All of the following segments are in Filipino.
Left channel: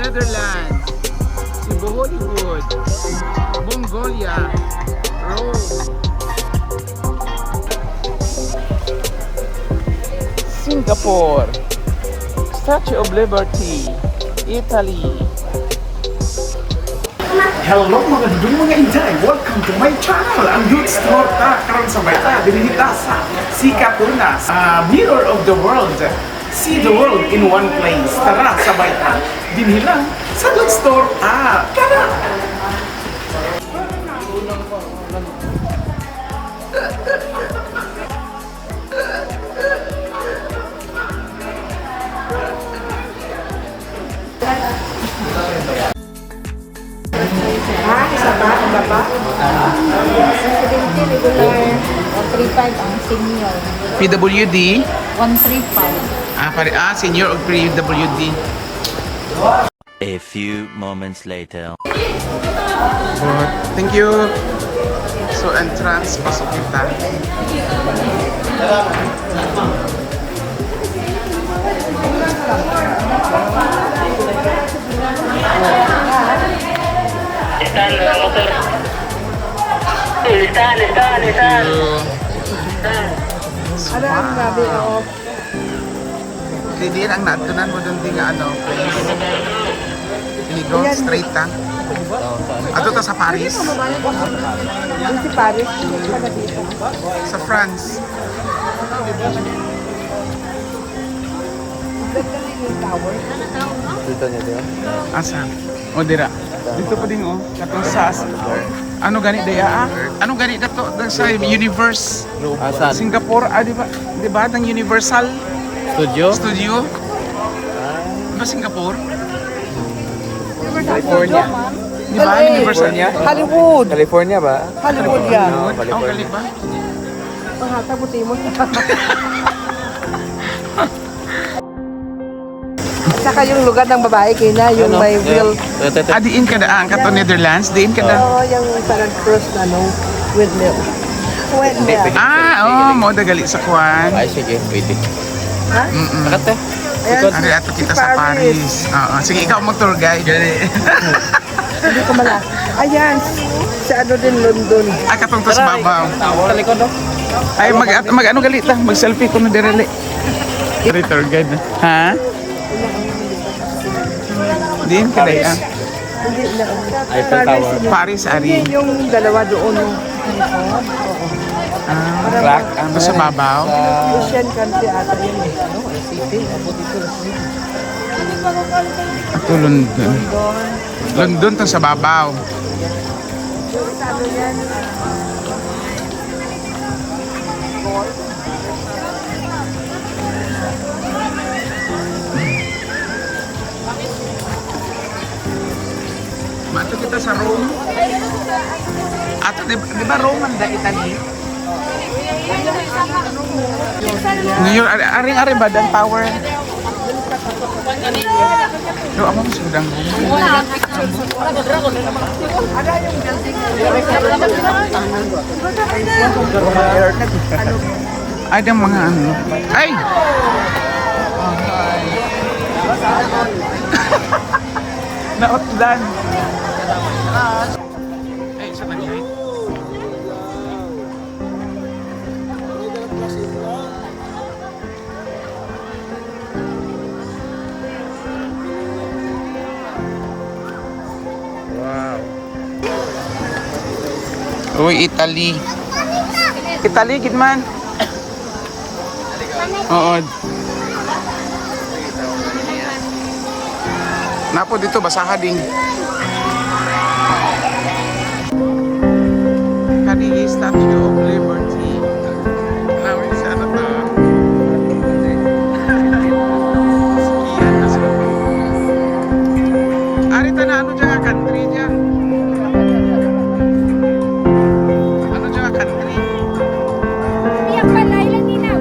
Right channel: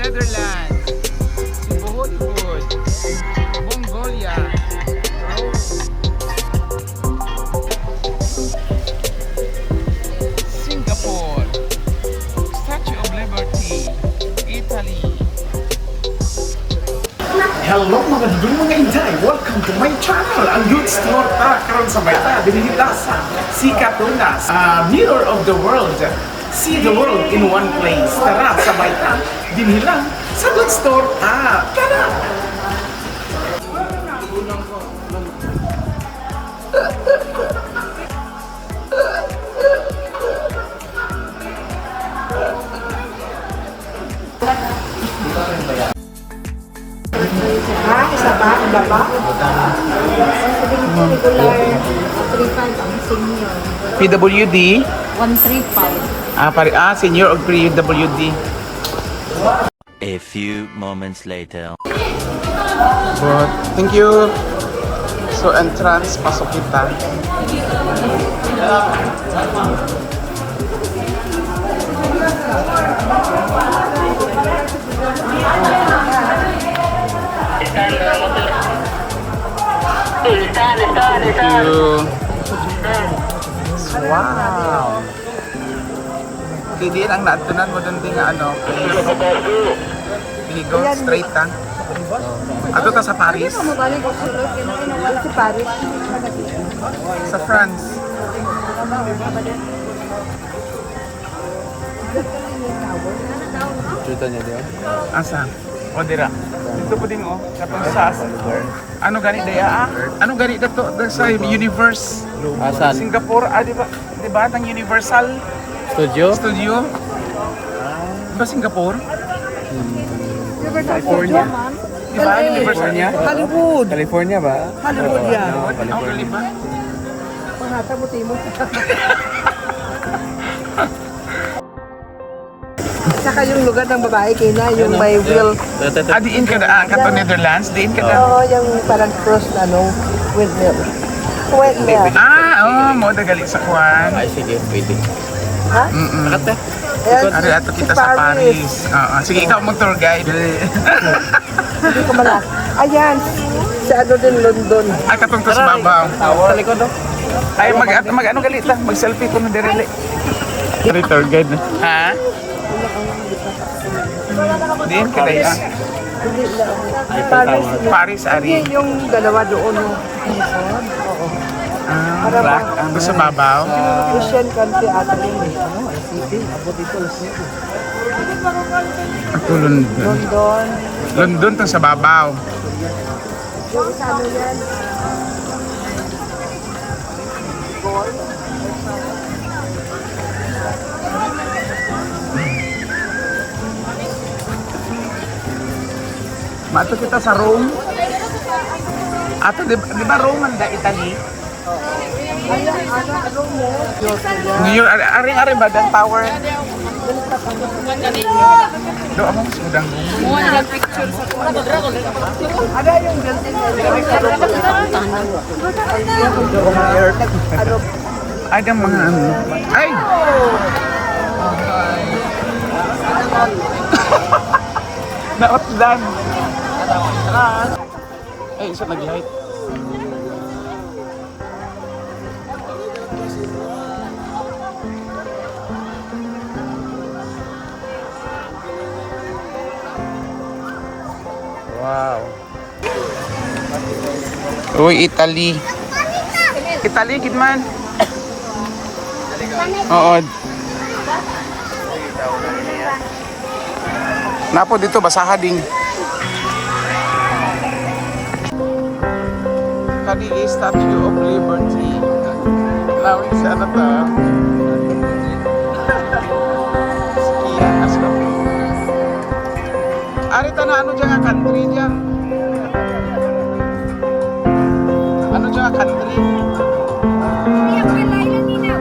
Netherlands, Cebu Hollywood, Mongolia, Rome, Singapore, Statue of Liberty, Italy. Hello mga dudong mga inday! Welcome to my channel! Ang Dudes Torta karon sa bayta dinihita sa Sikatunas, Mirror of the World. See the world in one place. Tara sa bayta dinhilang sa Dudes Torta. Tara! Isa ba? Iba ba? Regular 35 ang senior. PWD, 135. senior of PWD. A few moments later. Thank you. So entrance, pasok kita. Thank you. Wow. Hindi ang naatunan mo doon din nga ano, place. Iligo, straight ka. Ato to sa Paris. Doon si Paris, hindi ka na dito. Sa France. Yung tower. Asa? O dira. Dito po din katong SAS. Ano ganit dira? Ano ganit dito sa Universe? Asan? Singapore, di ba? Di ba ang Universal Studio? Studio? Ba Singapore? California. Di ba Universal? California? Hollywood. California ba? Hollywood yan. No, Oh, California. ba? Pahata mo timo. Saka yung lugar ng babae kina, yung may wheel. Diin ka daan ka to Netherlands? Diin ka daan? Oo, yung parang cruise na with wheel. Hindi, pwede. Mo dagali sa Kwan. Ay, sige, pwede. Sakat eh. Ayan, Ari ato kita sa Paris. Oo, sige ikaw mo tour guide. Hindi ko mala. Ayan, sa ano din London. Katong to sa babaw. Sa likod, no? Ay mag ano galit lang, mag selfie ko ni Dereli. Tour guide. Ha? Diin ka daan. Hindi na. Eiffel Tower. Paris ari. Yung dalawa doon. Rock. Ano sa babaw? Christian country ata yun. Ako London. London to sa babaw. Mato kita sa Rome. Ato di ba Rome ang da Italy? New York, aring badang tower. Do ako mas budang. Ay, yung mga ano. Ay! Naotdan. Eh, isa nag-light. Wow. Uy, Italy. Italy, gidman. Oo. Napo dito, basaha ding. Kanili, Statue of Liberty. Nawin siya na to. Iyan, nasa loob. Arita na ano dyan nga country dyan? Ano dyan nga country? Piyak pala ilan nina.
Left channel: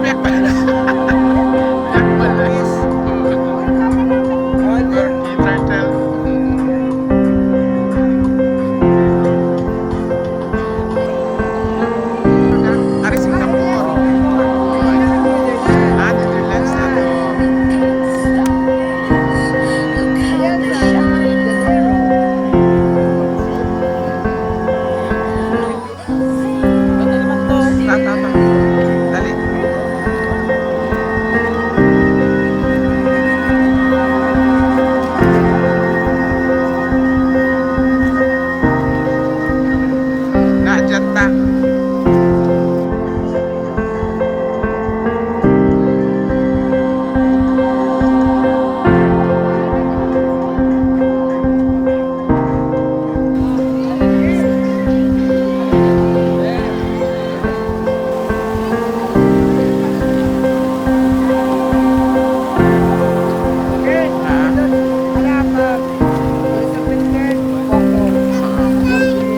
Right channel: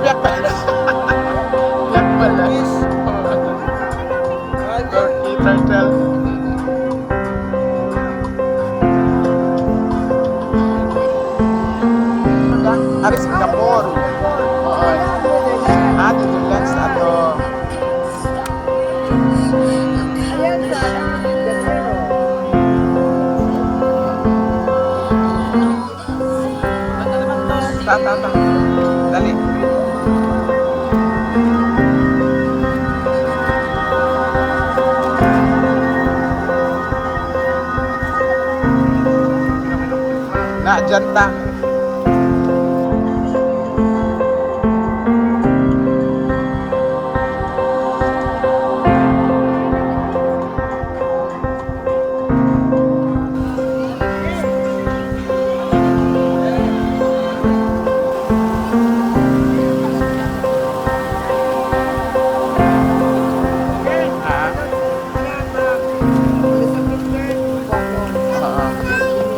Piyak pala. Piyak pala. Turkey, turtle. Ari Singapore. Netherlands na to. dyan ta.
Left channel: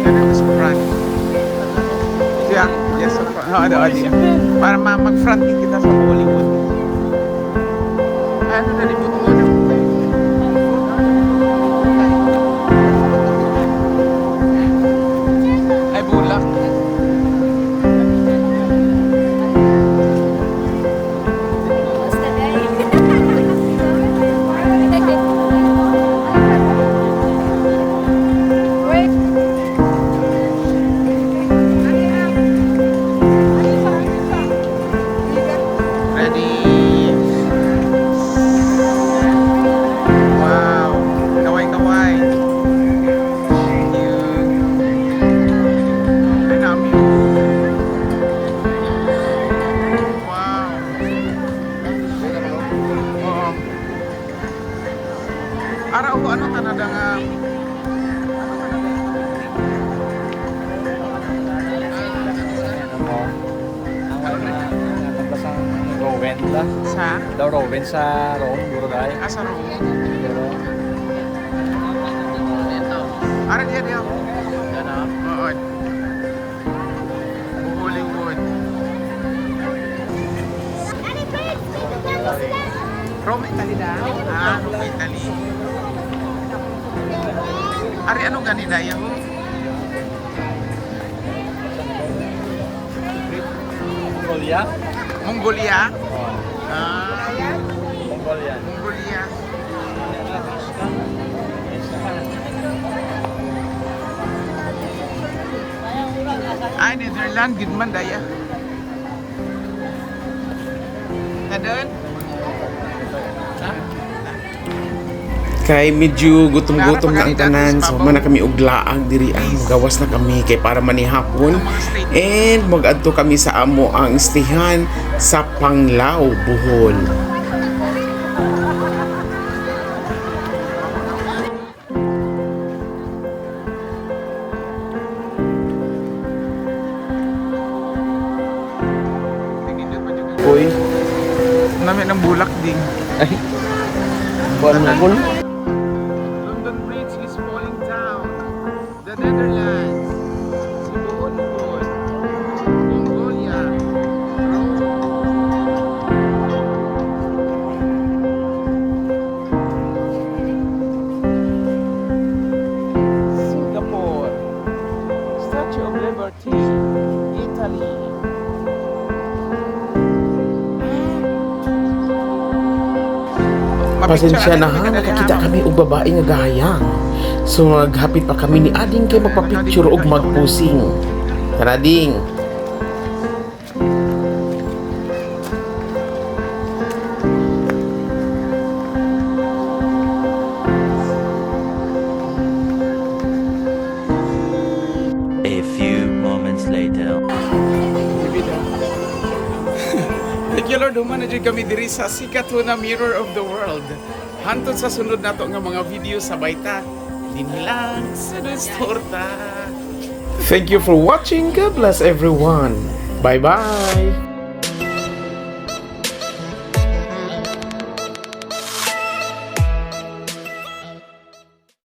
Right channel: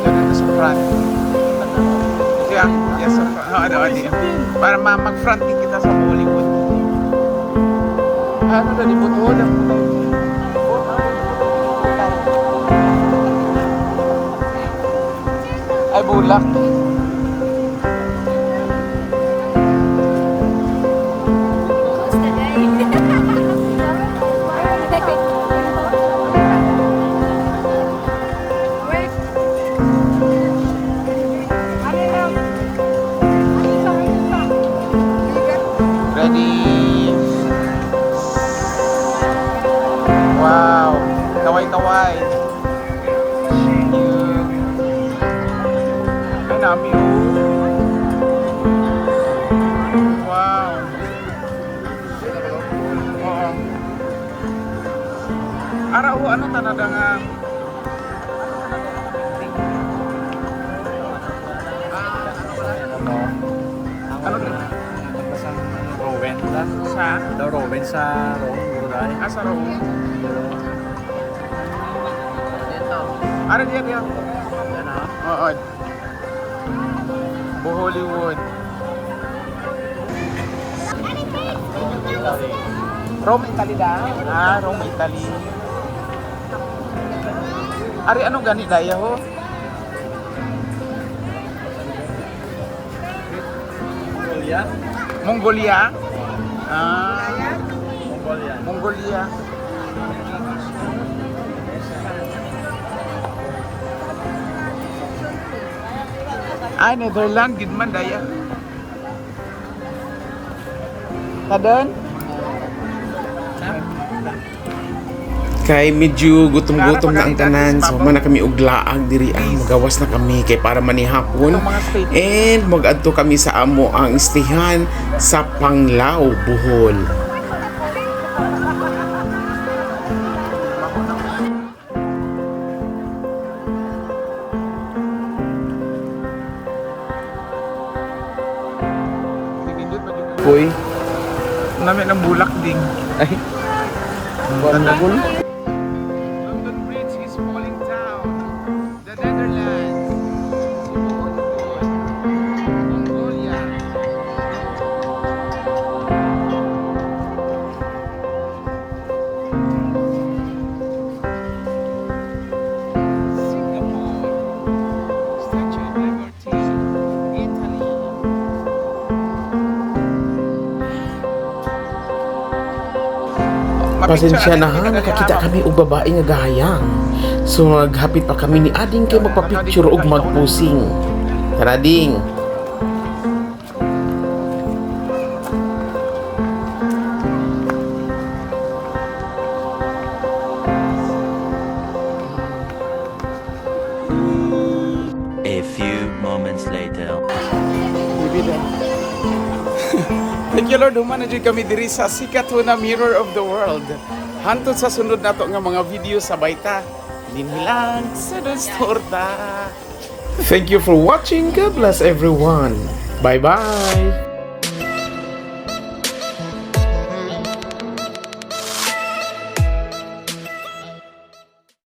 Ganun sa front. Yeah, yes, sa front. Para mag-front din kita sa Hollywood. Ano na, libuto na. Ay, bulak. Ready? Wow, kaway-kaway. Thank you. Ay, nami, oh. Wow. Wow. Ara, oh, ano Canada nga? Ano ba? Rowen lang. Sa? Daw Rowen sa Rome, buro dahil. Sa Rome. Ara, diya. Oo. Hollywood. Rome, Italy daw? Ah, Rome, Italy. Ari, ano gani daya ho? Mongolia? Mongolia? Ah, Mongolia. Mongolia. Ay, Netherlands, gid man daya. Kadon? Kay medyo gutom-gutom na ang tanan, so man na kami og laag diri magawas na kami kay para manihapon. And mag-adto kami sa amo ang istihan sa Panglao, Bohol. Koy, Nami ng bulak ding. Ay, buwan mo bul. London Bridge is falling down. The Netherlands. Si Hollywood. Mongolia. Singapore. Statue of Liberty. Italy. pasensya na ha, nakakita kami og babae nga gahayang. So maghapit pa kami ni Ading kay magpa-picture og magpusing. Tara ding. A few moments later. Thank you Lord, human na dyan kami diri sa sikat na Mirror of the World. Hantod sa sunod nato nga mga video sa Bayta. Dinhilang sa Torta. Thank you for watching. God bless everyone. Bye-bye.